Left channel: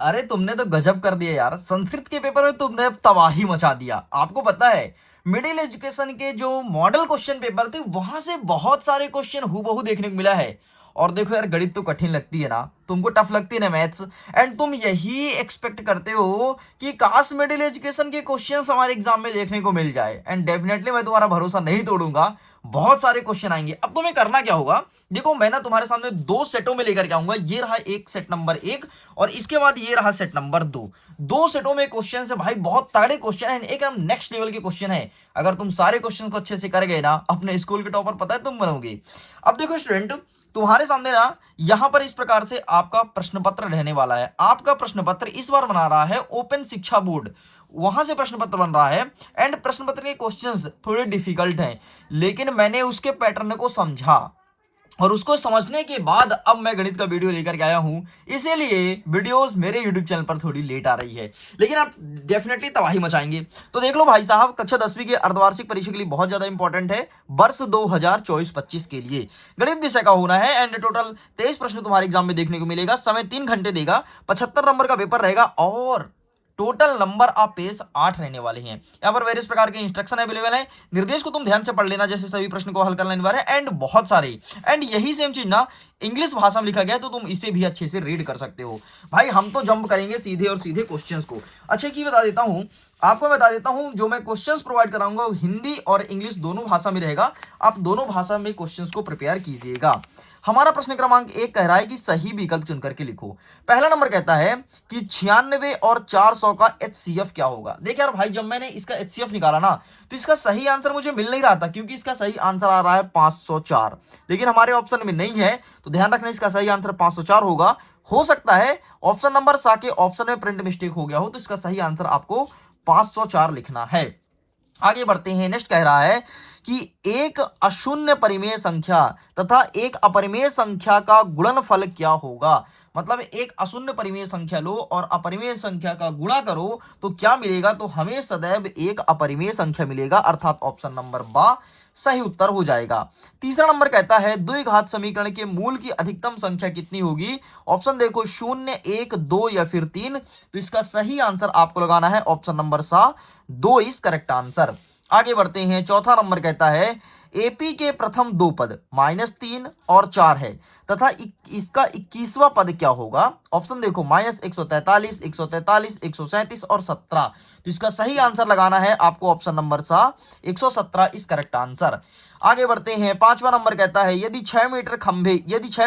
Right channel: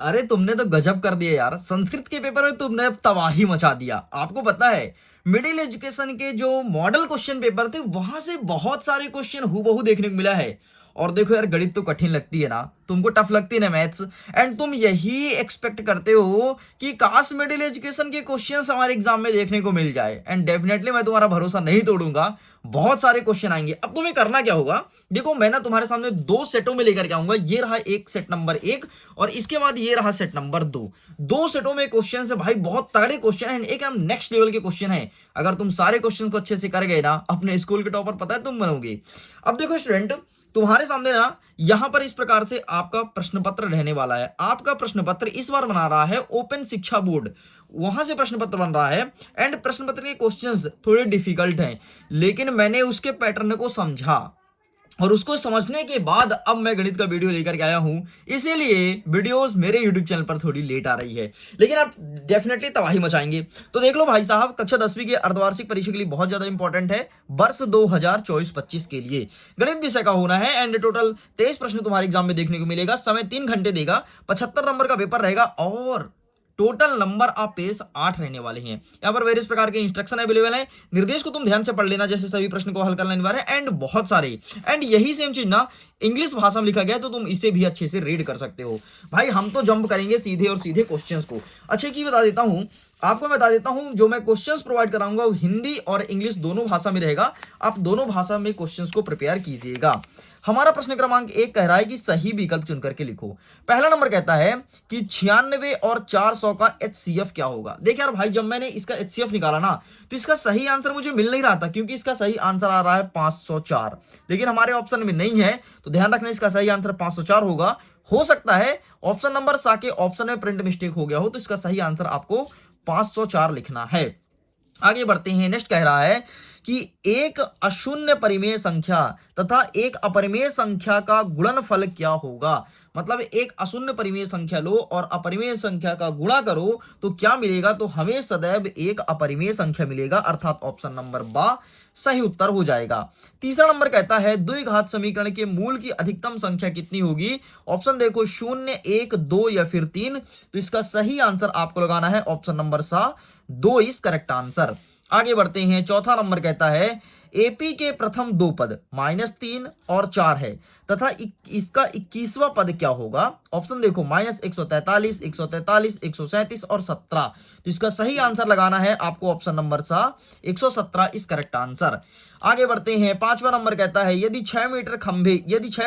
अरे तुमने तो गजब कर दिया यार, संस्कृत के पेपर में तुमने तबाही मचा दिया। आपको पता है मिडिल एजुकेशन के जो मॉडल क्वेश्चन पेपर थे वहां से बहुत सारे क्वेश्चन हूबहू देखने को मिला है। और देखो यार, गणित तो कठिन लगती है ना, तुमको टफ लगती है ना मैथ्स, एंड तुम यही एक्सपेक्ट करते हो कि काश मिडिल एजुकेशन के क्वेश्चंस हमारे एग्जाम में देखने को मिल जाए। एंड डेफिनेटली मैं तुम्हारा भरोसा नहीं तोड़ूंगा, बहुत सारे क्वेश्चन आएंगे। अब तुम्हें करना क्या होगा, देखो मैं ना तुम्हारे सामने दो सेटों में लेकर के आऊंगा। ये रहा एक सेट नंबर एक, और इसके बाद ये रहा सेट नंबर दो। दो सेटों में क्वेश्चन है भाई, बहुत तगड़े क्वेश्चन है, एक हम नेक्स्ट लेवल के क्वेश्चन है। अगर तुम सारे क्वेश्चन को अच्छे से कर गए ना, अपने स्कूल के टॉपर पता है तुम बनोगे। अब देखो स्टूडेंट, तुम्हारे सामने ना यहां पर इस प्रकार से आपका प्रश्न पत्र रहने वाला है। आपका प्रश्न पत्र इस बार बना रहा है ओपन शिक्षा बोर्ड, वहां से प्रश्न पत्र बन रहा है। एंड प्रश्न पत्र के क्वेश्चंस थोड़े डिफिकल्ट हैं, लेकिन मैंने उसके पैटर्न को समझा, और उसको समझने के बाद अब मैं गणित का वीडियो लेकर के आया हूं। इसीलिए वीडियोस मेरे यूट्यूब चैनल पर थोड़ी लेट आ रही है, लेकिन आप डेफिनेटली तबाही मचाएंगे। तो देख लो भाई साहब, कक्षा 10वीं के अर्धवार्षिक परीक्षा के लिए बहुत ज्यादा इंपॉर्टेंट है, वर्ष 2024-25 के लिए गणित विषय का होना है। एंड टोटल 23 प्रश्न तुम्हारे एग्जाम में देखने को मिलेगा, समय 3 घंटे देगा, 75 नंबर का पेपर रहेगा, और टोटल नंबर ऑफ पेज 8 रहने वाले हैं। यहाँ पर वेरियस प्रकार के इंस्ट्रक्शन अवेलेबल है, निर्देश को तुम ध्यान से पढ़ लेना, जैसे सभी प्रश्न को हल करना अनिवार्य है। एंड बहुत सारे, एंड यही सेम चीज ना इंग्लिश भाषा में लिखा गया है, तो तुम इसे भी अच्छे से रीड कर सकते हो। भाई हम तो जंप करेंगे सीधे और सीधे क्वेश्चंस को। अच्छे की बता देता हूं, आपको बता देता हूं, जो मैं क्वेश्चंस प्रोवाइड कराऊंगा वो हिंदी और इंग्लिश दोनों भाषा में रहेगा। आप दोनों भाषा में क्वेश्चंस को प्रिपेयर कीजिएगा। हमारा प्रश्न क्रमांक 1 कह रहा है कि सही विकल्प चुन करके लिखो। पहला नंबर कहता है कि 96 और 400 का HCF क्या होगा। देख यार भाई, जब मैंने इसका HCF निकाला ना, तो इसका सही आंसर मुझे मिल नहीं रहा था, क्योंकि इसका सही आंसर आ रहा है 504, लेकिन हमारे ऑप्शन में नहीं है, तो ध्यान रखना इसका सही आंसर 504 होगा। हो सकता है ऑप्शन नंबर सा के ऑप्शन में प्रिंट मिस्टेक हो गया हो, तो इसका सही आंसर आपको 504 लिखना है। आगे बढ़ते हैं। नेक्स्ट कह रहा है कि एक अशून्य परिमेय संख्या तथा एक अपरिमेय संख्या का गुणनफल क्या होगा। मतलब एक अशून्य परिमेय संख्या लो और अपरिमेय संख्या का गुणा करो तो क्या मिलेगा, तो हमें सदैव एक अपरिमेय संख्या मिलेगा, अर्थात ऑप्शन नंबर बा सही उत्तर हो जाएगा। तीसरा नंबर कहता है द्विघात समीकरण के मूल की अधिकतम संख्या कितनी होगी। ऑप्शन देखो 0, 1, 2 या फिर 3, तो इसका सही आंसर आपको लगाना है ऑप्शन नंबर सा 2 इज करेक्ट आंसर। आगे बढ़ते हैं। चौथा नंबर कहता है एपी के प्रथम दो पद -3 और 4 है तथा इसका 21वां पद क्या होगा। ऑप्शन देखो -143, 143, 137 और 17, तो इसका सही आंसर लगाना है आपको ऑप्शन नंबर सा 117 इस करेक्ट आंसर। आगे बढ़ते हैं। पांचवा नंबर कहता है यदि 6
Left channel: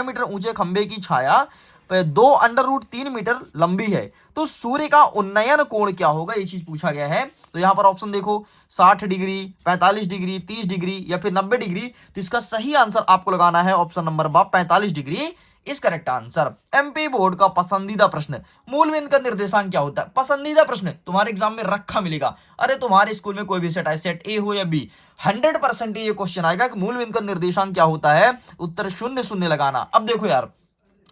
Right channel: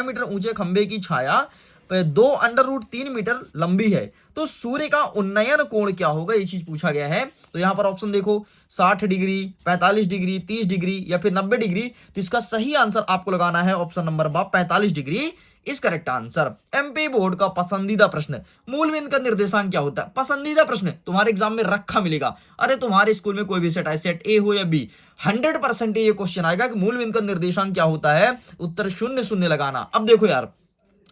मीटर ऊंचे खंभे की छाया 2√3 मीटर लंबी है तो सूर्य का उन्नयन कोण क्या होगा, ये चीज पूछा गया है। तो यहां पर ऑप्शन देखो 60 डिग्री, 45 डिग्री, 30 डिग्री या फिर 90 डिग्री, तो इसका सही आंसर आपको लगाना है ऑप्शन नंबर 45 डिग्री इस करेक्ट आंसर। एमपी बोर्ड का पसंदीदा प्रश्न, मूल बिंदु का निर्देशांक क्या होता है। पसंदीदा प्रश्न तुम्हारे एग्जाम में रखा मिलेगा। अरे तुम्हारे स्कूल में कोई भी सेट है, सेट ए हो या बी, 100% ये क्वेश्चन आएगा कि मूल बिंदु का निर्देशांक क्या होता है, उत्तर 0 0 लगाना। अब देखो यार,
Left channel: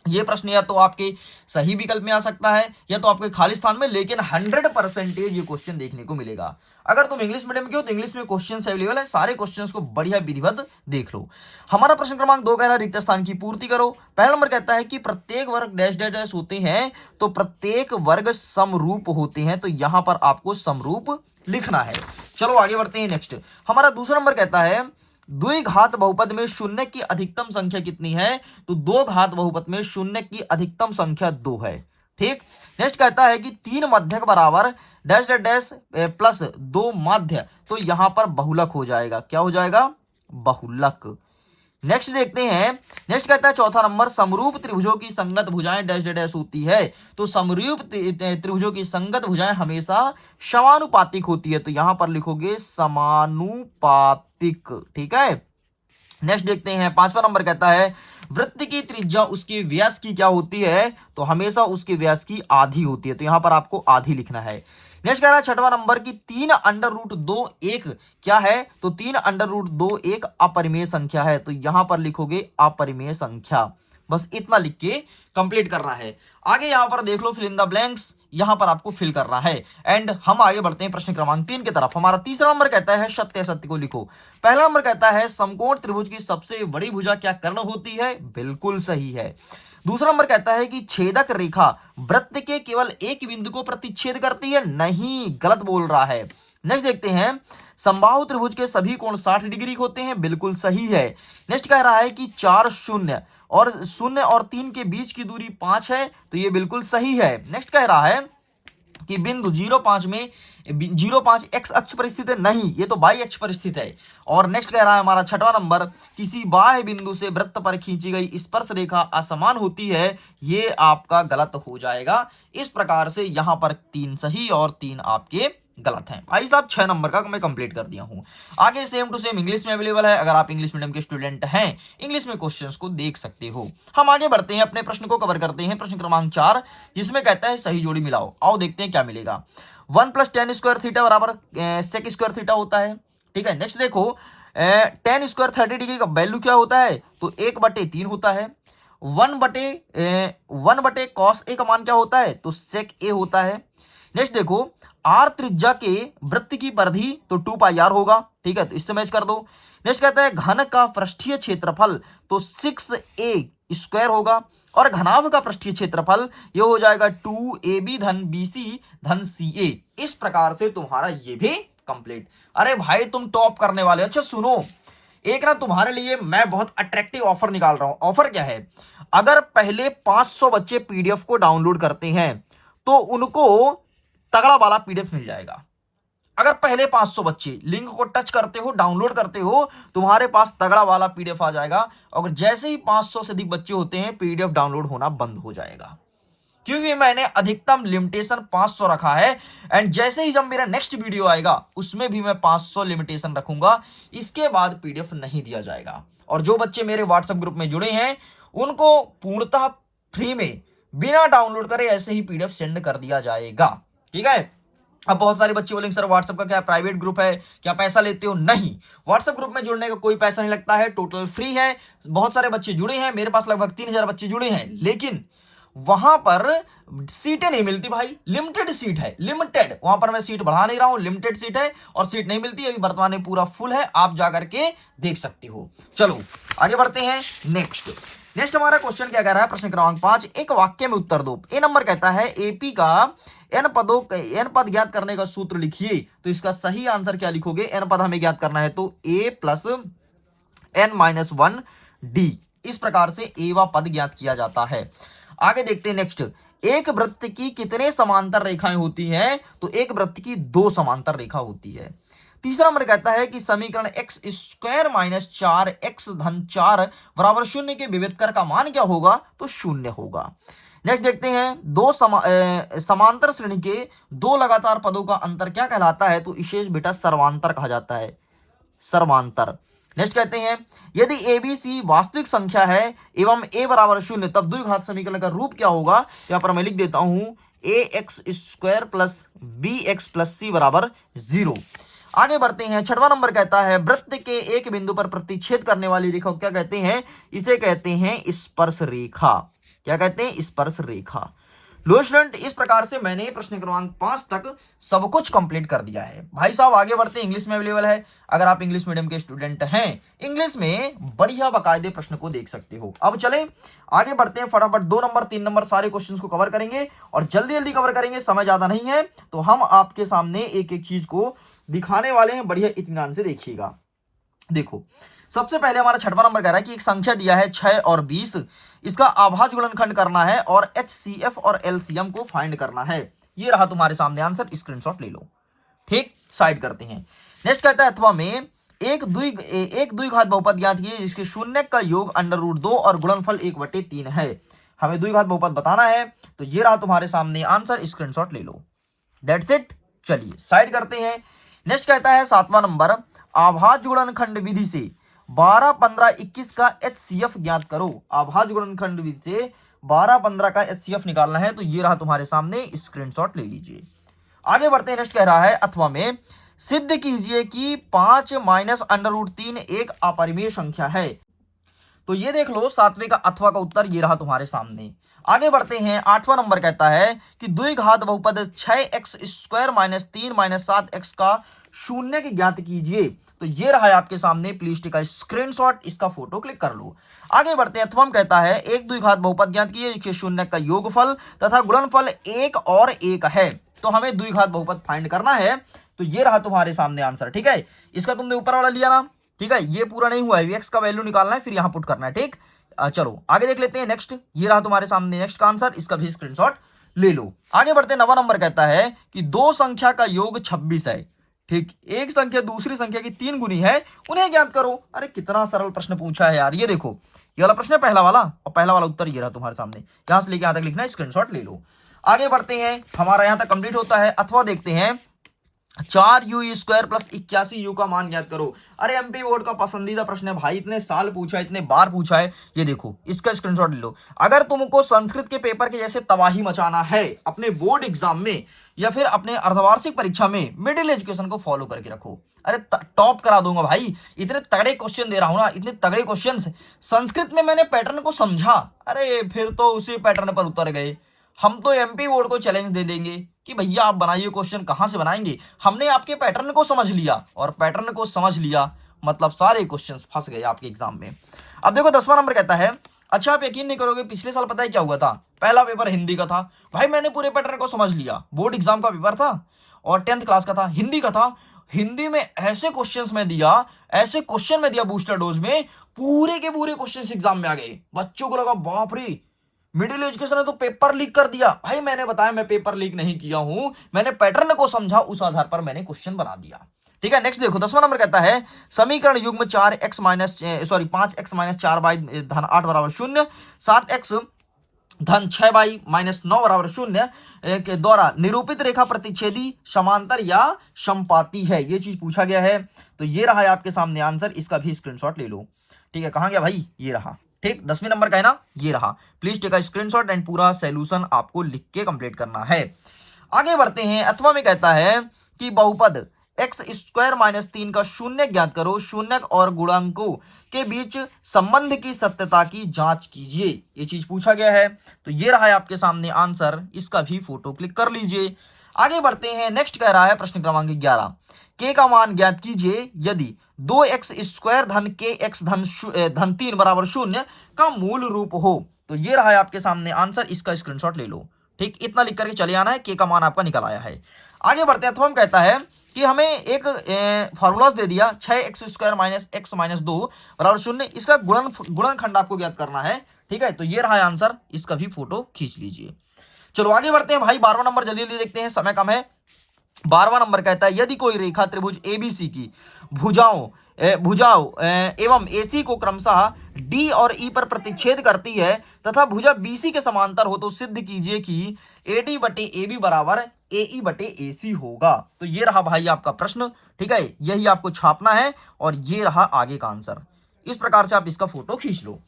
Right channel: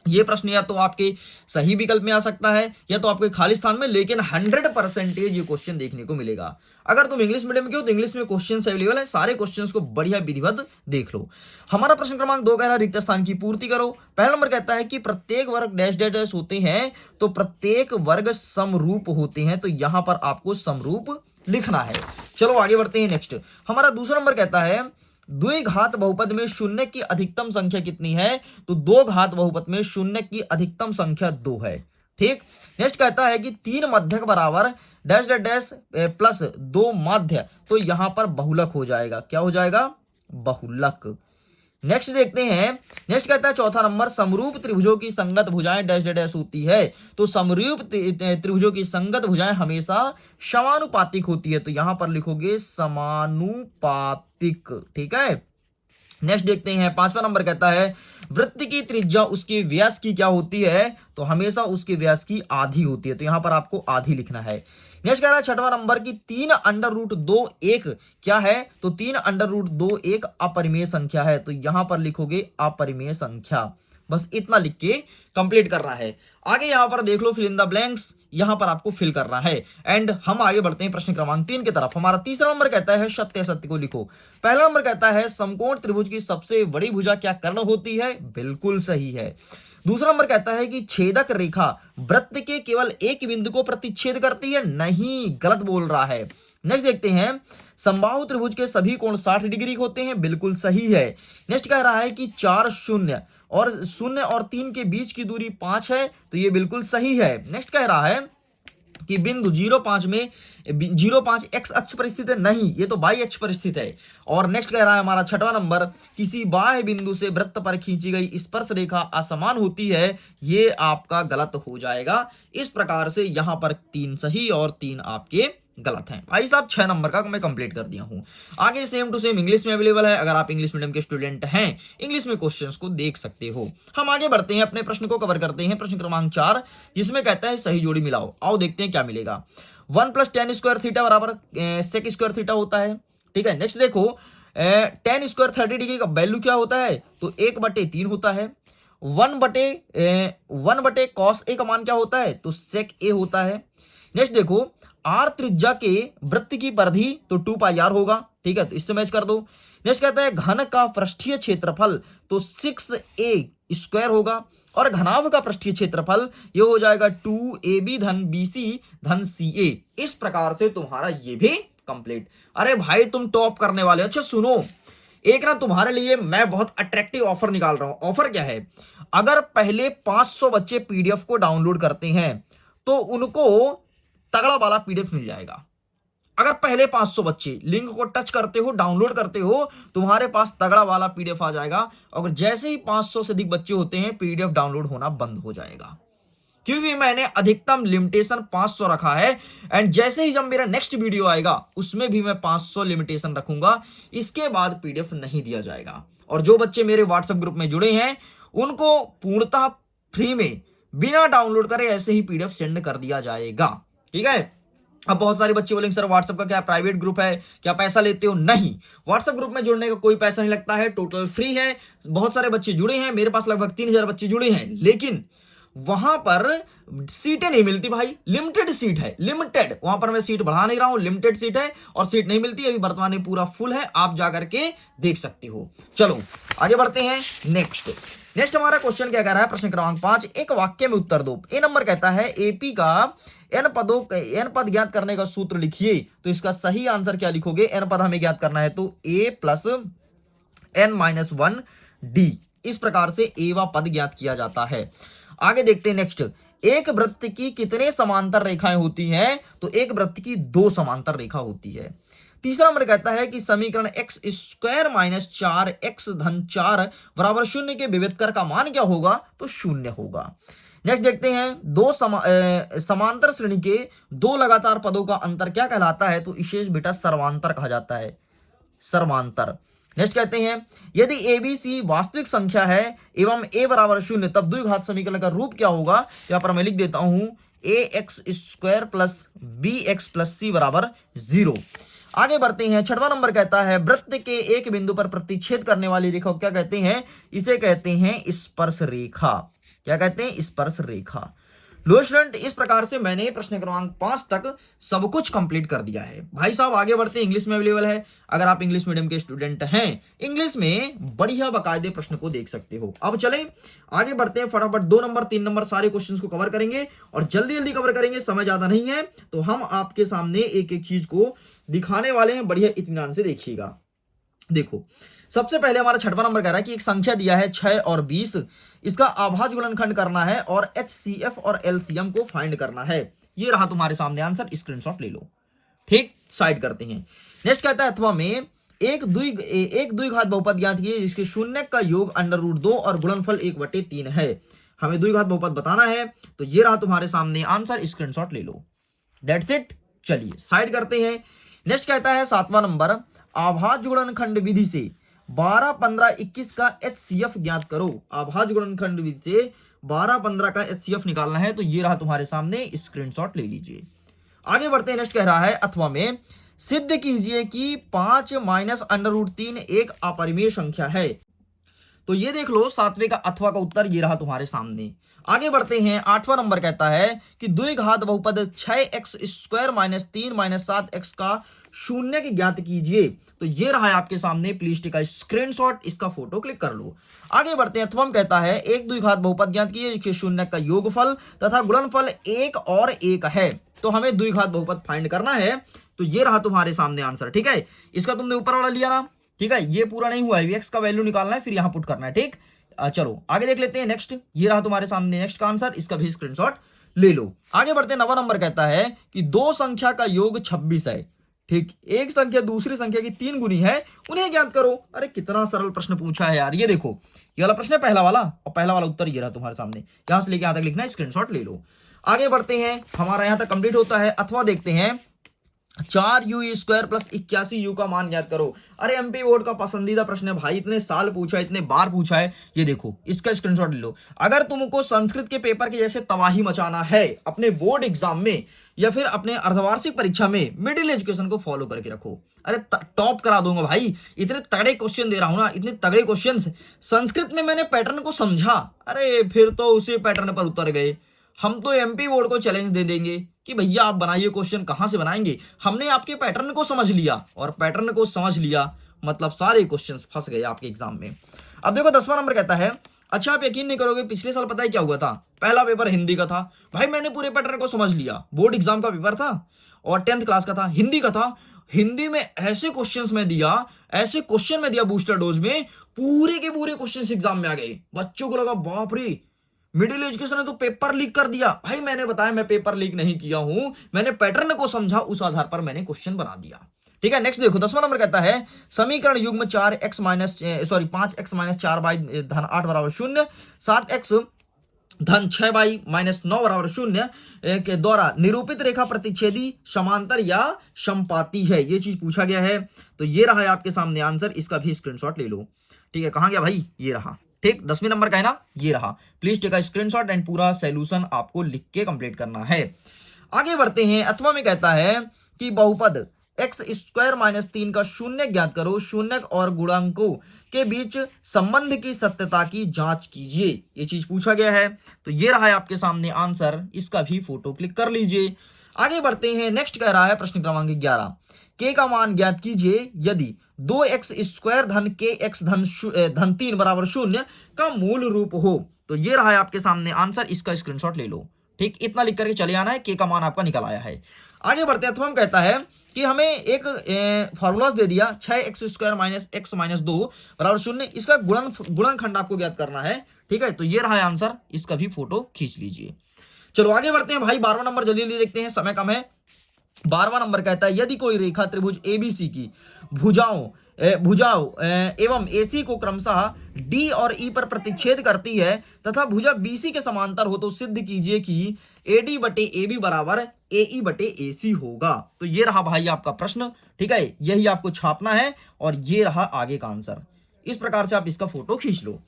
ये प्रश्न या तो आपके सही विकल्प में आ सकता है या तो आपके खाली स्थान में, लेकिन 100% ये क्वेश्चन देखने को मिलेगा। अगर तुम इंग्लिश मीडियम के हो तो इंग्लिश में क्वेश्चन अवेलेबल है, सारे क्वेश्चंस को बढ़िया विधिवत देख लो। हमारा प्रश्न क्रमांक 2 कह रहा है रिक्त स्थान की पूर्ति करो। पहला नंबर कहता है कि प्रत्येक वर्ग डैश डैश डैश होते हैं, तो प्रत्येक वर्ग समरूप होते हैं, तो यहां पर आपको समरूप लिखना है। चलो आगे बढ़ते हैं। नेक्स्ट हमारा दूसरा नंबर कहता है द्विघात बहुपद में शून्य की अधिकतम संख्या कितनी है, तो दो घात बहुपद में शून्य की अधिकतम संख्या 2 है। ठीक। नेक्स्ट कहता है कि 3 मध्यक बराबर डैश डैश डैश प्लस 2 माध्य, तो यहां पर बहुलक हो जाएगा। क्या हो जाएगा, बहुलक। नेक्स्ट देखते हैं। नेक्स्ट कहता है चौथा नंबर समरूप त्रिभुजों की संगत भुजाएं डैश डैश डैश होती है, तो समरूप त्रिभुजों की संगत भुजाएं हमेशा समानुपातिक होती है, तो यहां पर लिखोगे समानुपातिक। ठीक है। नेक्स्ट देखते हैं। पांचवा नंबर कहता है वृत्त की त्रिज्या उसके व्यास की क्या होती है, तो हमेशा उसके व्यास की आधी होती है, तो यहां पर आपको आधी लिखना है। नेक्स्ट कह रहा है छठवां नंबर की 3√2 एक क्या है, तो 3√2 एक अपरिमेय संख्या है, तो यहां पर लिखोगे अपरिमेय संख्या। बस इतना लिख के कंप्लीट करना है। आगे यहां पर देख लो फिल इन द ब्लैंक्स, यहां पर आपको फिल करना है। एंड हम आगे बढ़ते हैं प्रश्न क्रमांक 3 की तरफ। हमारा तीसरा नंबर कहता है सत्य सत्य को लिखो। पहला नंबर कहता है समकोण त्रिभुज की सबसे बड़ी भुजा क्या कर्ण होती है, बिल्कुल सही है। दूसरा नंबर कहता है कि छेदक रेखा वृत्त के केवल एक बिंदु को प्रतिच्छेद करती है, नहीं, गलत बोल रहा है। नेक्स्ट देखते हैं, समबाहु त्रिभुज के सभी कोण 60 डिग्री होते हैं, बिल्कुल सही है। नेक्स्ट कह रहा है कि 4 शून्य और 3 के बीच की दूरी 5 है, तो ये बिल्कुल सही है। नेक्स्ट कह रहा है कि बिंदु 05 में 05 एक्स अक्ष पर स्थित है, नहीं, ये तो वाई अक्ष पर स्थित है। और नेक्स्ट कह रहा है हमारा छठवां नंबर, किसी बाह्य बिंदु से वृत्त पर खींची गई स्पर्श रेखा असमान होती है, ये आपका गलत हो जाएगा। इस प्रकार से यहां पर 3 सही और 3 आपके गलत हैं। भाई साहब 6 नंबर का मैं कंप्लीट कर दिया हूं। आगे सेम टू सेम इंग्लिश में अवेलेबल है, अगर आप इंग्लिश मीडियम के स्टूडेंट हैं इंग्लिश में क्वेश्चंस को देख सकते हो। हम आगे बढ़ते हैं, अपने प्रश्न को कवर करते हैं। प्रश्न क्रमांक 4, जिसमें कहता है सही जोड़ी मिलाओ। आओ देखते हैं क्या मिलेगा। 1 + tan स्क्वायर थीटा बराबर sec स्क्वायर थीटा होता है, ठीक है। नेक्स्ट देखो, tan स्क्वायर 30 डिग्री का वैल्यू क्या होता है, तो 1/3 होता है। 1/1 cos a का मान क्या होता है, तो sec a होता है। नेक्स्ट देखो, r त्रिज्या के वृत्त की परिधि तो 2πr होगा, ठीक है, तो इससे मैच कर दो। नेक्स्ट कहता है घन का पृष्ठीय क्षेत्रफल तो 6a² होगा, और घनाभ का पृष्ठीय क्षेत्रफल ये हो जाएगा 2ab धन bc धन ca। इस प्रकार से तुम्हारा ये भी कंप्लीट। अरे भाई तुम टॉप करने वाले। अच्छा सुनो, एक ना तुम्हारे लिए मैं बहुत अट्रैक्टिव ऑफर निकाल रहा हूं। ऑफर क्या है, अगर पहले 500 बच्चे पीडीएफ को डाउनलोड करते हैं तो उनको तगड़ा वाला पीडीएफ मिल जाएगा। अगर पहले 500 बच्चे लिंक को टच करते हो, डाउनलोड करते हो, तुम्हारे पास तगड़ा वाला पीडीएफ आ जाएगा। और जैसे ही 500 से अधिक बच्चे होते हैं, पीडीएफ डाउनलोड होना बंद हो जाएगा, क्योंकि मैंने अधिकतम लिमिटेशन 500 रखा है। एंड जैसे ही जब मेरा नेक्स्ट वीडियो आएगा उसमें भी मैं 500 लिमिटेशन रखूंगा, इसके बाद पीडीएफ नहीं दिया जाएगा। और जो बच्चे मेरे व्हाट्सएप ग्रुप में जुड़े हैं उनको पूर्णतः फ्री में बिना डाउनलोड करे ऐसे ही पीडीएफ सेंड कर दिया जाएगा, ठीक है। अब बहुत सारे बच्चे बोलेंगे सर व्हाट्सएप का क्या प्राइवेट ग्रुप है, क्या पैसा लेते हो? नहीं, व्हाट्सएप ग्रुप में जुड़ने का कोई पैसा नहीं लगता है, टोटल फ्री है। बहुत सारे बच्चे जुड़े हैं, मेरे पास लगभग 3000 बच्चे जुड़े हैं, लेकिन वहां पर सीटें नहीं मिलती भाई, लिमिटेड सीट है, लिमिटेड। वहां पर मैं सीट बढ़ा नहीं रहा हूं, लिमिटेड सीट है और सीट नहीं मिलती। अभी वर्तमान में पूरा फुल है, आप जाकर के देख सकते हो। चलो आगे बढ़ते हैं। नेक्स्ट हमारा क्वेश्चन क्या कह रहा है, प्रश्न क्रमांक 5, एक वाक्य में उत्तर दो। ए नंबर कहता है एपी का n पद ज्ञात करने का सूत्र लिखिए। तो इसका सही आंसर क्या लिखोगे, n पद हमें ज्ञात करना है तो a + n-1 d, इस प्रकार से a वा पद ज्ञात किया जाता है। आगे देखते हैं नेक्स्ट, एक वृत्त की कितने समांतर रेखाएं होती हैं, तो एक वृत्त की 2 समांतर रेखा होती है। तीसरा नंबर कहता है कि समीकरण x² - 4x धन 4 बराबर 0 के विविधकर का मान क्या होगा, तो 0 होगा। नेक्स्ट देखते हैं, समांतर श्रेणी के 2 लगातार पदों का अंतर क्या कहलाता है, तो इसे बेटा सर्वांतर कहा जाता है, सर्वांतर। नेक्स्ट कहते हैं, यदि ABC वास्तविक संख्या है एवं a बराबर 0, तब द्विघात समीकरण का रूप क्या होगा। यहाँ पर मैं लिख देता हूं ax² + bx + c बराबर 0। आगे बढ़ते हैं, छठवां नंबर कहता है वृत्त के एक बिंदु पर प्रतिच्छेद करने वाली रेखा क्या कहते हैं, इसे कहते हैं स्पर्श रेखा। क्या कहते हैं, स्पर्श रेखा। लो स्टूडेंट, इस प्रकार से मैंने प्रश्न क्रमांक 5 तक सब कुछ कंप्लीट कर दिया है। भाई साहब आगे बढ़ते हैं, इंग्लिश में अवेलेबल है, अगर आप इंग्लिश मीडियम के स्टूडेंट हैं इंग्लिश में बढ़िया बाकायदे प्रश्न को देख सकते हो। अब चलें आगे बढ़ते हैं, फटाफट 2 नंबर 3 नंबर सारे क्वेश्चंस को कवर करेंगे और जल्दी जल्दी कवर करेंगे, समय ज्यादा नहीं है, तो हम आपके सामने एक एक चीज को दिखाने वाले हैं, बढ़िया इत्मीनान से देखिएगा। देखो सबसे पहले हमारा छठवां नंबर कह रहा है कि एक संख्या दिया है 6 और 20, इसका आभाज्य गुणनखंड करना है और HCF और LCM को फाइंड करना है। ये रहा तुम्हारे सामने आंसर, स्क्रीनशॉट ले लो, ठीक, साइड करते हैं। नेक्स्ट कहता है अथवा में एक द्विघात बहुपद ज्ञात कीजिए जिसके शून्य का योग √2 और गुणनफल 1/3 है। हमें द्विघात बहुपद बताना है, तो ये रहा तुम्हारे सामने आंसर, स्क्रीनशॉट ले लो, दैट्स इट। चलिए साइड करते हैं। नेक्स्ट कहता है 7वां नंबर, आभाज्य गुणनखंड विधि से 12, 15, 21 का HCF ज्ञात करो। आभाज्य गुणनखंड विधि से 12, 15 का HCF निकालना है, तो ये रहा तुम्हारे सामने, स्क्रीनशॉट ले लीजिए। आगे बढ़ते हैं, नेक्स्ट कह रहा है अथवा में सिद्ध कीजिए कि 5 - √3 एक अपरिमेय संख्या है। तो ये देख लो 7वें का अथवा का उत्तर ये रहा तुम्हारे सामने। आगे बढ़ते हैं, 8वां नंबर कहता है कि द्विघात बहुपद 6x² - 3 - 7x का शून्य की ज्ञात कीजिए। तो ये रहा है आपके सामने, प्लीज टेक अ स्क्रीनशॉट, इसका फोटो क्लिक कर लो। आगे बढ़ते हैं। अथवा कहता है एक द्विघात बहुपद ज्ञात कीजिए जिसके शून्य का योगफल तथा गुणनफल 1 और 1 है। तो हमें द्विघात बहुपद फाइंड करना है। तो ये रहा तुम्हारे सामने आंसर, ठीक है। इसका तुमने ऊपर वाला लिया ना, ठीक है, ये पूरा नहीं हुआ है, एक्स का वैल्यू निकालना है फिर यहाँ पुट करना है, ठीक। चलो आगे देख लेते हैं नेक्स्ट। ये रहा तुम्हारे सामने नेक्स्ट का आंसर, इसका भी स्क्रीनशॉट ले लो। आगे बढ़ते हैं। 9वां नंबर कहता है कि दो संख्या का योग 26 है, ठीक। एक संख्या दूसरी संख्या की 3 गुनी है, उन्हें ज्ञात करो। अरे कितना सरल प्रश्न पूछा है यार। ये देखो, ये वाला प्रश्न है पहला वाला, और पहला वाला उत्तर ये रहा तुम्हारे सामने। यहां से लेके यहां तक लिखना है, स्क्रीनशॉट ले लो। आगे बढ़ते हैं, हमारा यहां तक कंप्लीट होता है। अथवा देखते हैं 4u² + 81u का मान ज्ञात करो। अरे एमपी बोर्ड का पसंदीदा प्रश्न है भाई, इतने साल पूछा है, इतने बार पूछा है। ये देखो, इसका स्क्रीनशॉट ले लो। अगर तुमको संस्कृत के पेपर के जैसे तबाही मचाना है अपने बोर्ड एग्जाम में या फिर अपने अर्धवार्षिक परीक्षा में, मिडिल एजुकेशन को फॉलो करके रखो। अरे टॉप करा दूंगा भाई, इतने तगड़े क्वेश्चन दे रहा हूं ना, इतने तगड़े क्वेश्चन। संस्कृत में मैंने पैटर्न को समझा, अरे फिर तो उसी पैटर्न पर उतर गए। हम तो एमपी बोर्ड को चैलेंज दे देंगे कि भैया आप बनाइए क्वेश्चन, कहां से बनाएंगे। हमने आपके पैटर्न को समझ लिया, और पैटर्न को समझ लिया मतलब सारे क्वेश्चंस फंस गए आपके एग्जाम में। अब देखो 10वां नंबर कहता है, अच्छा आप यकीन नहीं करोगे, पिछले साल पता है क्या हुआ था, पहला पेपर हिंदी का था। भाई मैंने पूरे पैटर्न को समझ लिया, बोर्ड एग्जाम का पेपर था और 10th क्लास का था, हिंदी का था। हिंदी में ऐसे क्वेश्चंस में दिया, ऐसे क्वेश्चन में दिया बूस्टर डोज में, पूरे के पूरे क्वेश्चंस एग्जाम में आ गए। बच्चों को लगा बाप रे, मिडिल एजुकेशन ने तो पेपर लीक कर दिया। भाई मैंने बताया मैं पेपर लीक नहीं किया हूं, मैंने पैटर्न को समझा, उस आधार पर मैंने क्वेश्चन बना दिया, ठीक है। नेक्स्ट देखो 10वां नंबर कहता है समीकरण युग्म 5x - 4y-8 बराबर 0, 7x धन 6y-9 बराबर 0 के द्वारा निरूपित रेखा प्रतिच्छेदी, समांतर या समपाती है। ये चीज पूछा गया है। तो ये रहा है आपके सामने आंसर, इसका भी स्क्रीनशॉट ले लो, ठीक है। कहां गया भाई, ये रहा, ठीक। 10वें नंबर का है ना, ये रहा। Please take a screenshot and पूरा सॉल्यूशन आपको लिख के कंप्लीट करना है। आगे बढ़ते हैं। अथवा में कहता है कि बहुपद x² - 3 का शून्य ज्ञात करो, शून्यक और गुणांकों के बीच संबंध की सत्यता की जांच कीजिए। ये चीज पूछा गया है। तो ये रहा है आपके सामने आंसर, इसका भी फोटो क्लिक कर लीजिए। आगे बढ़ते हैं। नेक्स्ट कह रहा है प्रश्न क्रमांक 11, k का मान ज्ञात कीजिए यदि 2x² धन kx धन 3 बराबर 0 का मूल रूप हो। तो ये रहा है आपके सामने आंसर, इसका स्क्रीनशॉट ले लो, ठीक। इतना लिख करके चले आना है, k का मान आपका निकल आया है। आगे बढ़ते हैं। अथवा कहता है कि हमें एक फॉर्मूला दे दिया 6x² - x - 2 बराबर 0, इसका गुणनखंड आपको ज्ञात करना है, ठीक है। तो ये रहा है आंसर, इसका भी फोटो खींच लीजिए। चलो आगे बढ़ते हैं भाई। 12वां नंबर जल्दी जल्दी देखते हैं, समय कम है। 12वां नंबर कहता है यदि कोई रेखा त्रिभुज एबीसी की भुजाओं एवं एसी को क्रमशः डी और ई पर प्रतिच्छेद करती है तथा भुजा बीसी के समांतर हो, तो सिद्ध कीजिए कि एडी बटे एबी बराबर एई बटे एसी होगा। तो ये रहा भाई आपका प्रश्न, ठीक है। यही आपको छापना है और ये रहा आगे का आंसर। इस प्रकार से आप इसका फोटो खींच लो।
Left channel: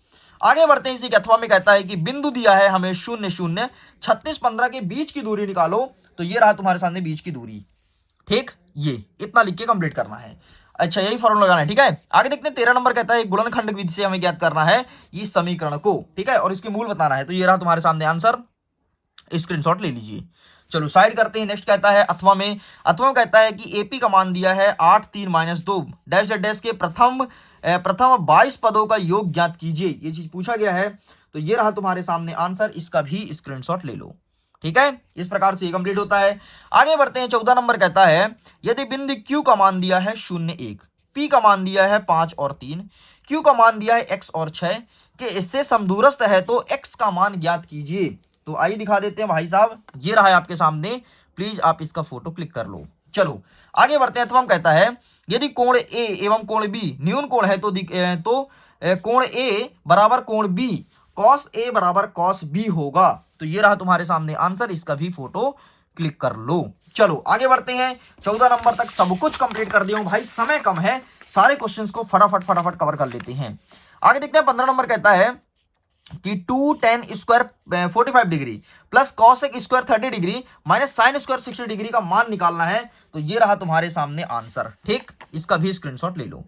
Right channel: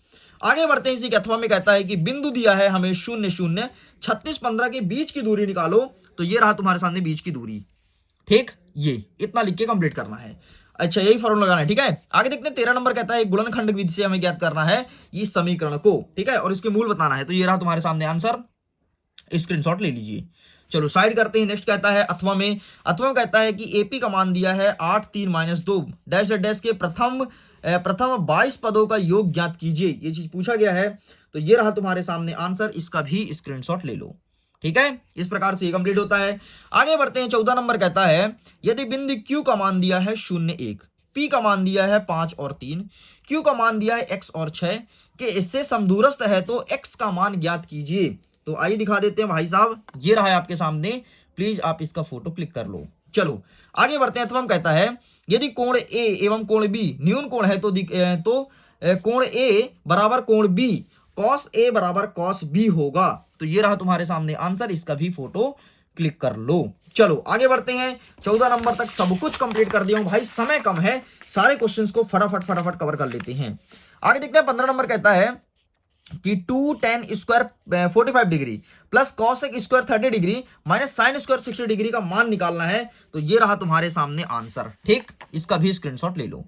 आगे बढ़ते हैं। इसी के अथवा में कहता है कि बिंदु दिया है हमें 0 0 36 15 के बीच की दूरी निकालो। तो ये रहा तुम्हारे सामने बीच की दूरी, ठीक। ये इतना लिख के कंप्लीट करना है। अच्छा यही फॉर्मूला लगाना है, ठीक है। आगे देखते हैं 13 नंबर कहता है गुणनखंड विधि से हमें ज्ञात करना है इस समीकरण को, ठीक है, और इसके मूल बताना है। तो ये रहा तुम्हारे सामने आंसर, स्क्रीनशॉट ले लीजिए। चलो साइड करते हैं। नेक्स्ट कहता है अथवा में कहता है कि एपी का मान दिया है 8 3 - 2 डैश डैश के प्रथम 22 पदों का योग ज्ञात कीजिए। ये चीज पूछा गया है। तो ये रहा तुम्हारे सामने आंसर, इसका भी स्क्रीनशॉट ले लो, ठीक है। इस प्रकार से ये कंप्लीट होता है। आगे बढ़ते हैं। 14 नंबर कहता है यदि बिंदु Q का मान दिया है 0 1, P का मान दिया है 5 और 3, Q का मान दिया है x और 6 के इससे समदूरस्थ है, तो x का मान ज्ञात कीजिए। तो आइए दिखा देते हैं भाई साहब, ये रहा है आपके सामने, प्लीज आप इसका फोटो क्लिक कर लो। चलो आगे बढ़ते हैं। तो कहता है यदि कोण A एवं कोण B न्यून कोण है तो कोण A बराबर कोण B cos A बराबर cos B होगा। तो ये रहा तुम्हारे सामने आंसर, इसका भी फोटो क्लिक कर लो। चलो आगे बढ़ते हैं। 14 नंबर तक सब कुछ कंप्लीट कर दिया हूं भाई, समय कम है, सारे क्वेश्चंस को फटाफट कवर कर लेते हैं। आगे देखते हैं। 15 नंबर कहता है कि 2 tan square 45 degree plus cos square 30 degree minus sin square 60 degree का मान निकालना है। तो ये रहा तुम्हारे सामने आंसर, ठीक। इसका भी स्क्रीनशॉट ले लो।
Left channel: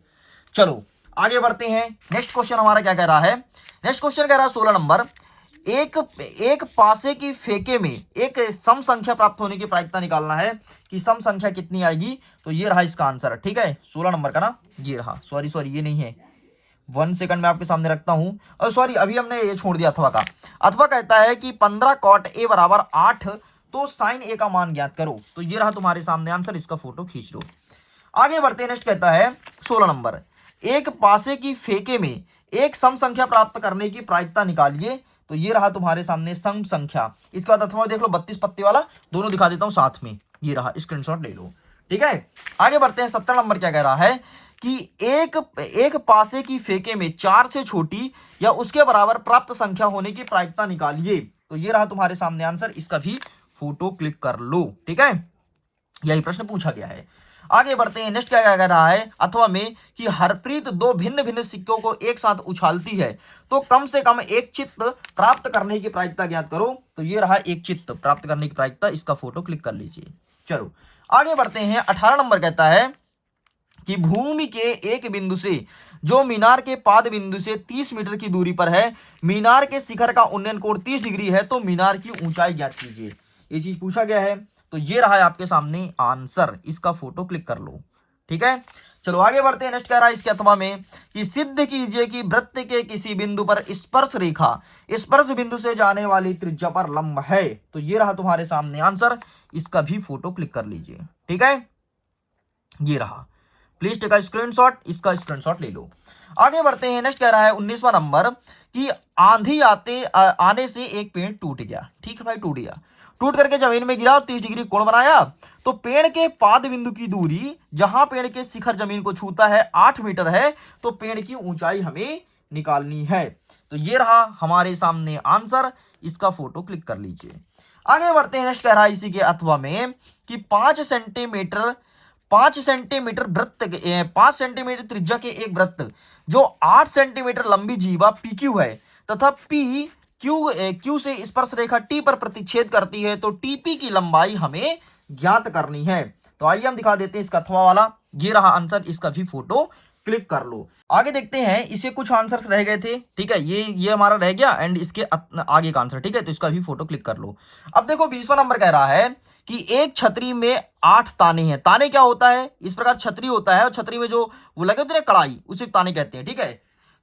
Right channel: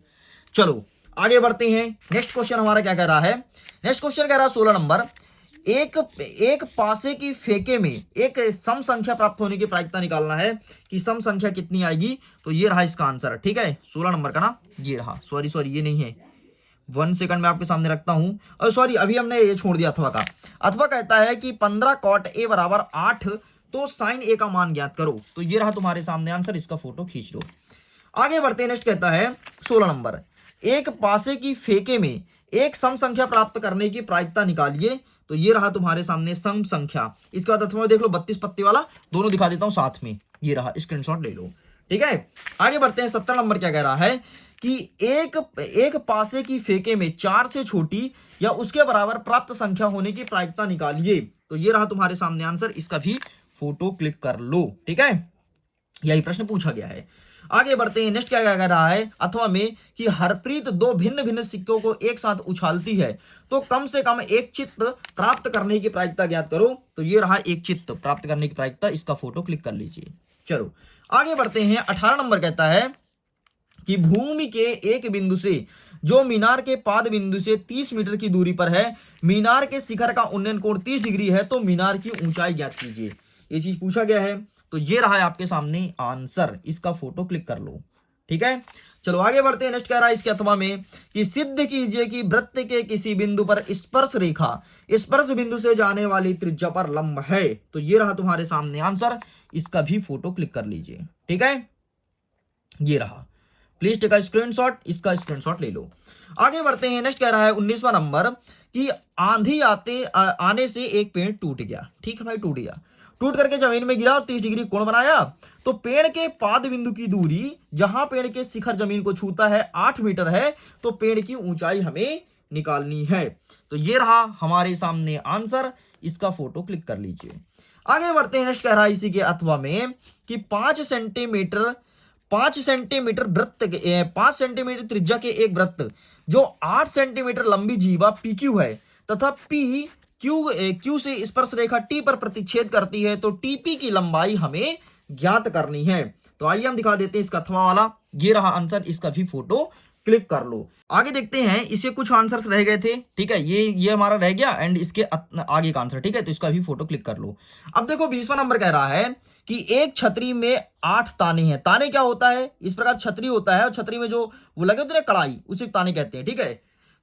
चलो आगे बढ़ते हैं। नेक्स्ट क्वेश्चन हमारा क्या कह रहा है। नेक्स्ट क्वेश्चन कह रहा है 16 नंबर, एक एक पासे की फेके में एक सम संख्या प्राप्त होने की प्रायिकता निकालना है कि सम संख्या कितनी आएगी। तो ये रहा इसका आंसर, ठीक है, 16 नंबर का ना, ये रहा, सॉरी सॉरी ये नहीं है, 1 सेकंड में आपके सामने रखता हूं, और सॉरी अभी हमने ये छोड़ दिया अथवा का। अथवा कहता है कि 15 कॉट ए बराबर 8, तो साइन ए का मान ज्ञात करो। तो ये रहा तुम्हारे सामने आंसर, इसका फोटो खींच लो। आगे बढ़ते हैं, नेक्स्ट कहता है 16 नंबर, एक पासे की फेके में एक सम संख्या प्राप्त करने की प्रायिकता निकालिए। तो ये रहा तुम्हारे सामने सम संख्या। इसके बाद अथवा देख लो, 32 पत्ते वाला, दोनों दिखा देता हूं साथ में, ये रहा, स्क्रीनशॉट ले लो, ठीक है। आगे बढ़ते हैं, 17 नंबर क्या कह रहा है कि एक पासे की फेके में 4 से छोटी या उसके बराबर प्राप्त संख्या होने की प्रायिकता निकालिए। तो ये रहा तुम्हारे सामने आंसर, इसका भी फोटो क्लिक कर लो, ठीक है, यही प्रश्न पूछा गया है। आगे बढ़ते हैं, नेक्स्ट क्या कह रहा है अथवा में कि हरप्रीत 2 भिन्न भिन्न सिक्कों को एक साथ उछालती है, तो कम से कम एक चित्त प्राप्त करने की प्रायिकता ज्ञात करो। तो ये रहा एक चित्त प्राप्त करने की प्रायिकता, इसका फोटो क्लिक कर लीजिए। चलो आगे बढ़ते हैं, 18 नंबर कहता है कि भूमि के एक बिंदु से जो मीनार के पाद बिंदु से 30 मीटर की दूरी पर है, मीनार के शिखर का उन्नयन कोण 30 डिग्री है, तो मीनार की ऊंचाई ज्ञात कीजिए। ये चीज पूछा गया है। तो ये रहा है आपके सामने आंसर, इसका फोटो क्लिक कर लो, ठीक है। चलो आगे बढ़ते हैं, नेक्स्ट कह रहा है इसके अथवा में कि सिद्ध कीजिए कि वृत्त के किसी बिंदु पर स्पर्श रेखा स्पर्श बिंदु से जाने वाली त्रिज्या पर लंब है। तो ये रहा तुम्हारे सामने आंसर, इसका भी फोटो क्लिक कर लीजिए, ठीक है, ये रहा, प्लीज टेक अ स्क्रीनशॉट, इसका स्क्रीनशॉट ले लो। आगे बढ़ते हैं, नेक्स्ट कह रहा है 19वां नंबर कि आंधी आने से एक पेड़ टूट गया, ठीक है भाई, टूट गया, टूट करके जमीन में गिरा और 30 डिग्री कोण बनाया। तो पेड़ के पाद बिंदु की दूरी जहां पेड़ के शिखर जमीन को छूता है 8 मीटर है, तो पेड़ की ऊंचाई हमें निकालनी है। तो ये रहा हमारे सामने आंसर, इसका फोटो क्लिक कर लीजिए। आगे बढ़ते हैं, नेक्स्ट कह रहा है इसी के अथवा में कि 5 सेंटीमीटर वृत्त 5 सेंटीमीटर त्रिज्या के एक वृत्त जो 8 सेंटीमीटर लंबी जीवा पी क्यू है तथा पी क्यू से स्पर्श रेखा टी पर प्रतिच्छेद करती है, तो टीपी की लंबाई हमें ज्ञात करनी है। तो आइए हम दिखा देते हैं इसका अथवा वाला, ये रहा आंसर, इसका भी फोटो क्लिक कर लो। आगे देखते हैं, इसे कुछ आंसर्स रह गए थे, ठीक है, ये हमारा रह गया एंड इसके आगे का आंसर, ठीक है, तो इसका भी फोटो क्लिक कर लो। अब देखो 20वां नंबर कह रहा है कि एक छतरी में 8 ताने हैं। ताने क्या होता है, इस प्रकार छतरी होता है और छतरी में जो वो लगे होते हैं कड़ाई, उसे ताने कहते हैं, ठीक है।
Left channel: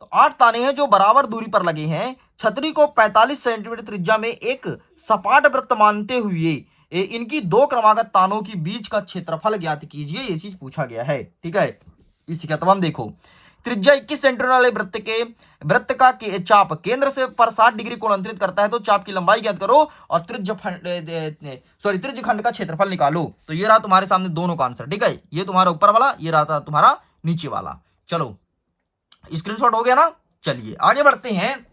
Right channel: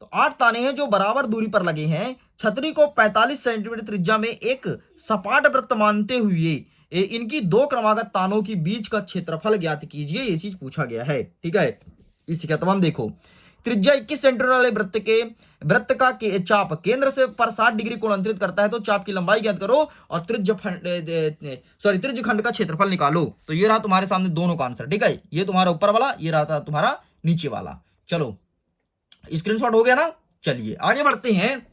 तो 8 ताने हैं जो बराबर दूरी पर लगे हैं। छतरी को 45 सेंटीमीटर त्रिज्या में एक सपाट वृत्त मानते हुए इनकी 2 क्रमागत तानों के बीच का क्षेत्रफल ज्ञात कीजिए, ये चीज पूछा गया है, ठीक है। इसी का तमाम देखो, त्रिज्या 21 सेंटीमीटर वाले वृत्त का चाप केंद्र से पर 60 डिग्री कोण अंतरित करता है, तो चाप की लंबाई ज्ञात करो और त्रिज्य खंड का क्षेत्रफल निकालो। तो ये रहा तुम्हारे सामने दोनों का आंसर, ठीक है, ये तुम्हारा ऊपर वाला, ये रहा था तुम्हारा नीचे वाला। चलो स्क्रीनशॉट हो गया ना। चलिए आगे बढ़ते हैं,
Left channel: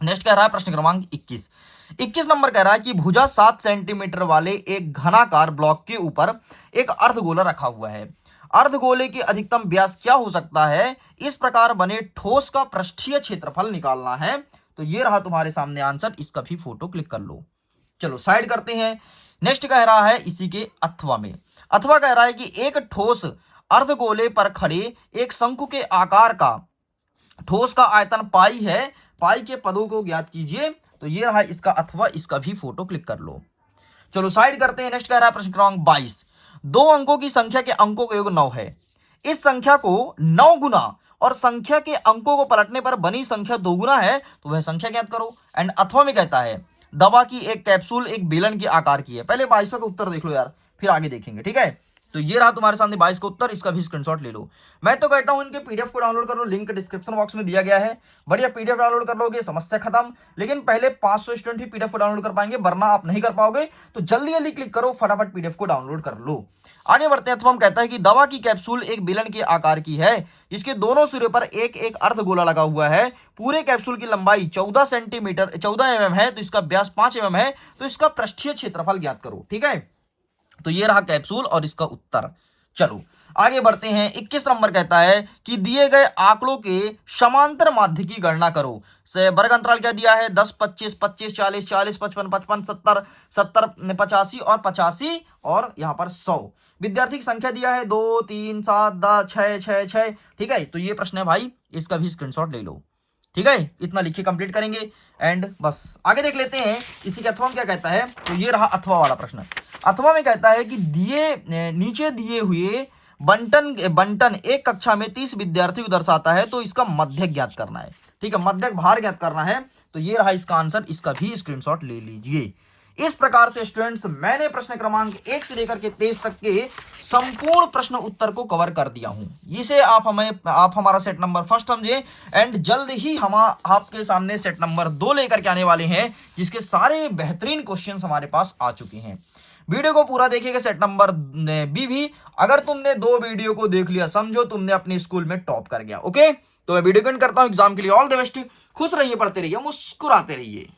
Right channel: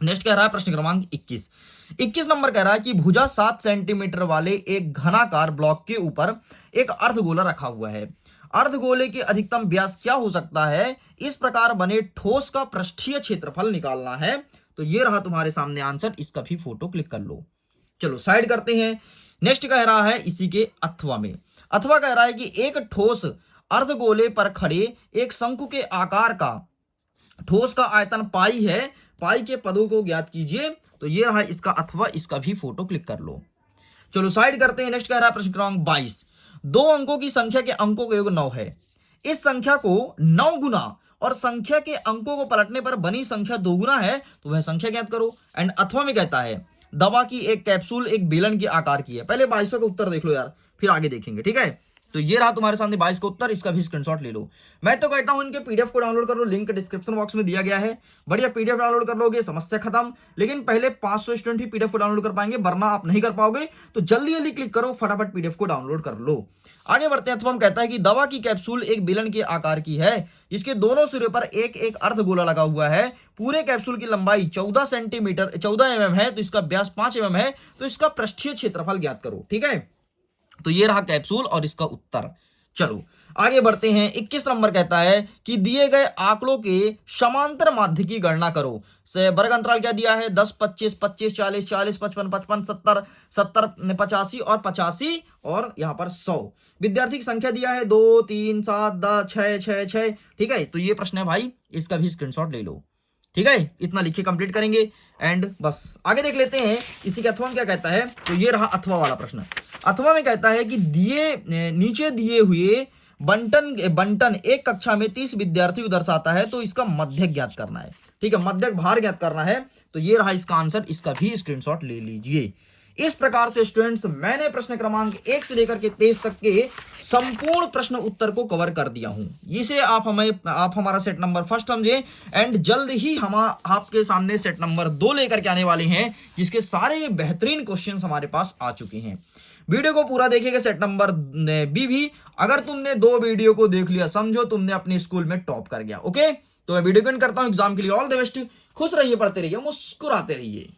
नेक्स्ट कह रहा है प्रश्न क्रमांक 21 नंबर कह रहा है कि भुजा 7 सेंटीमीटर वाले एक घनाकार ब्लॉक के ऊपर एक अर्धगोला रखा हुआ है। अर्धगोले की अधिकतम व्यास क्या हो सकता है, इस प्रकार बने ठोस का पृष्ठीय क्षेत्रफल निकालना है। तो ये रहा तुम्हारे सामने आंसर, इसका भी फोटो क्लिक कर लो। चलो साइड करते हैं, नेक्स्ट कह रहा है इसी के अथवा में, अथवा कह रहा है कि एक ठोस अर्धगोले पर खड़े एक शंकु के आकार का ठोस का आयतन पाई है, पाई के पदों को ज्ञात कीजिए। तो ये रहा इसका अथवा, इसका भी फोटो क्लिक कर लो। चलो साइड करते हैं, नेक्स्ट कह रहा है प्रश्न क्रमांक 22, 2 अंकों की संख्या के अंकों का योग 9 है। इस संख्या को 9 गुना और संख्या के अंकों को पलटने पर बनी संख्या 2 गुना है, तो वह संख्या ज्ञात करो। एंड अथवा में कहता है दवा की एक कैप्सूल एक बेलन के आकार की है। पहले 22वां का उत्तर देख लो यार, फिर आगे देखेंगे, ठीक है। तो ये रहा तुम्हारे सामने 22 का उत्तर, इसका भी स्क्रीनशॉट ले लो। मैं तो कहता हूं इनके पीडीएफ को डाउनलोड कर लो, लिंक डिस्क्रिप्शन बॉक्स में दिया गया है, बढ़िया पीडीएफ डाउनलोड कर लोगे, समस्या खत्म। लेकिन पहले 500 स्टूडेंट ही पीडीएफ को डाउनलोड कर पाएंगे, वरना आप नहीं कर पाओगे। तो जल्दी जल्दी क्लिक करो, फटाफट पीडीएफ को डाउनलोड कर लो। आगे बढ़ते हैं, अथवा कहता है कि दवा की कैप्सूल एक बेलन के आकार की है, इसके दोनों सिरे पर एक एक अर्धगोला लगा हुआ है। पूरे कैप्सूल की लंबाई 14 mm है, तो इसका व्यास 5 mm है, तो इसका पृष्ठीय क्षेत्रफल ज्ञात करो, ठीक है। तो ये रहा कैप्सूल और इसका उत्तर। चलो आगे बढ़ते हैं, 21 नंबर कहता है कि दिए गए आंकड़ों के समांतर माध्य की गणना करो। वर्ग अंतराल क्या दिया है, 10, 25, 25, 40, 40, 55, 55, 70, 70, 85 और 85 और यहाँ पर 100। विद्यार्थी की संख्या दिया है 2, 3, 7, 10, 6, 6, 6, ठीक है। तो ये प्रश्न है भाई, इसका भी स्क्रीनशॉट ले लो, ठीक है, इतना लिख के कंप्लीट करेंगे एंड बस आगे देख लेते हैं इसी के अथवा में क्या कहता है। तो ये रहा अथवा वाला प्रश्न। अथवा में कहता है कि नीचे दिए हुए बंटन एक कक्षा में 30 विद्यार्थियों को दर्शाता है, तो इसका मध्यक ज्ञात करना है। ठीक है, मध्यक भार ज्ञात करना है। तो ये रहा इसका आंसर, इसका भी स्क्रीनशॉट ले लीजिए। इस प्रकार से स्टूडेंट्स मैंने प्रश्न क्रमांक 1 से लेकर के 23 तक के संपूर्ण प्रश्न उत्तर को कवर कर दिया हूं। इसे आप हमारा सेट नंबर फर्स्ट समझे एंड जल्द ही हम आपके सामने सेट नंबर 2 लेकर के आने वाले हैं, जिसके सारे बेहतरीन क्वेश्चंस हमारे पास आ चुके हैं। वीडियो को पूरा देखिएगा, सेट नंबर बी भी। अगर तुमने 2 वीडियो को देख लिया, समझो तुमने अपने स्कूल में टॉप कर गया। ओके, तो मैं वीडियो को एंड करता हूं। एग्जाम के लिए ऑल द बेस्ट। खुश रहिए, पढ़ते रहिए, मुस्कुराते रहिए।